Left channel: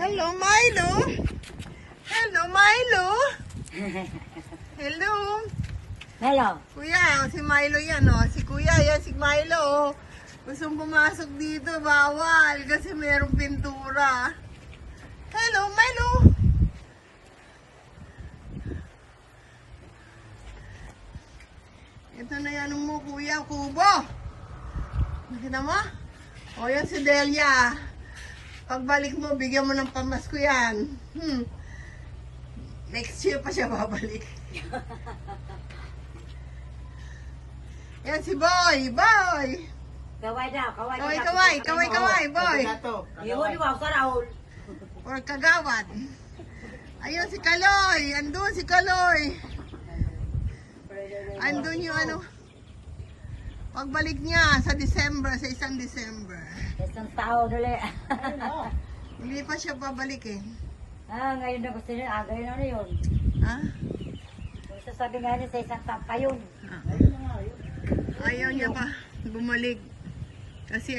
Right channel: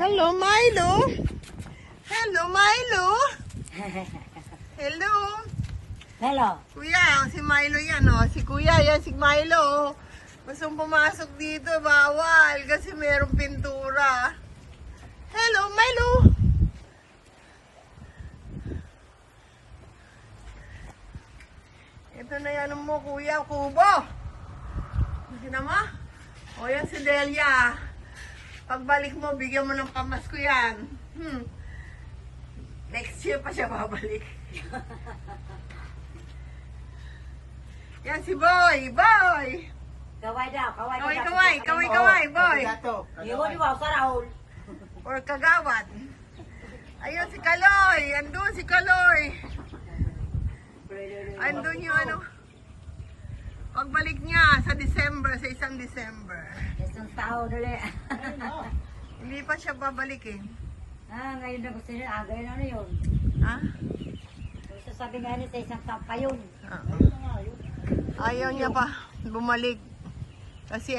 Hello, Milo. Hello, Milo. Hello. Hello. Kuya, si Milo yan, oh. Si Kuya, yan si Milo, oh. Gustong pumasok dito, bawal. Kasi mayroong pintura. Hello, Milo. Ito na yan mo, Kuya, kubo. Nakita mo? O, yan si Delia. Pagbalik mo, bigyan mo ng pamasko yan. Next year pa siya babalik. Yan si Boy. Boy! Kaway daw, Kaway, Boy. Yun, wow, Raul. Or Kagawad. Ayun si Kaloy. Andun si Kaloy. Andun yung ano. Pagbalik niya sa December, sa isang December. Isang tao dali. Hindi pa siya babalik eh. Ngayon na gusto niya, ngayon na yun. Ha? Sasabi nga niya sa isang tao pa yun. Ayaw niya pa bumalik. Kasi